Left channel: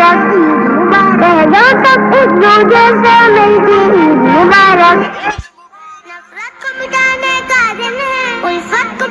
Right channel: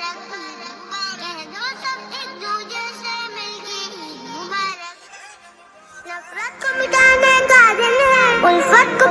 मुबारक कह दो सब एक दूजे से मिलके ईद मुबारक। नफरत को मिटाने का दिन है, उल्फत को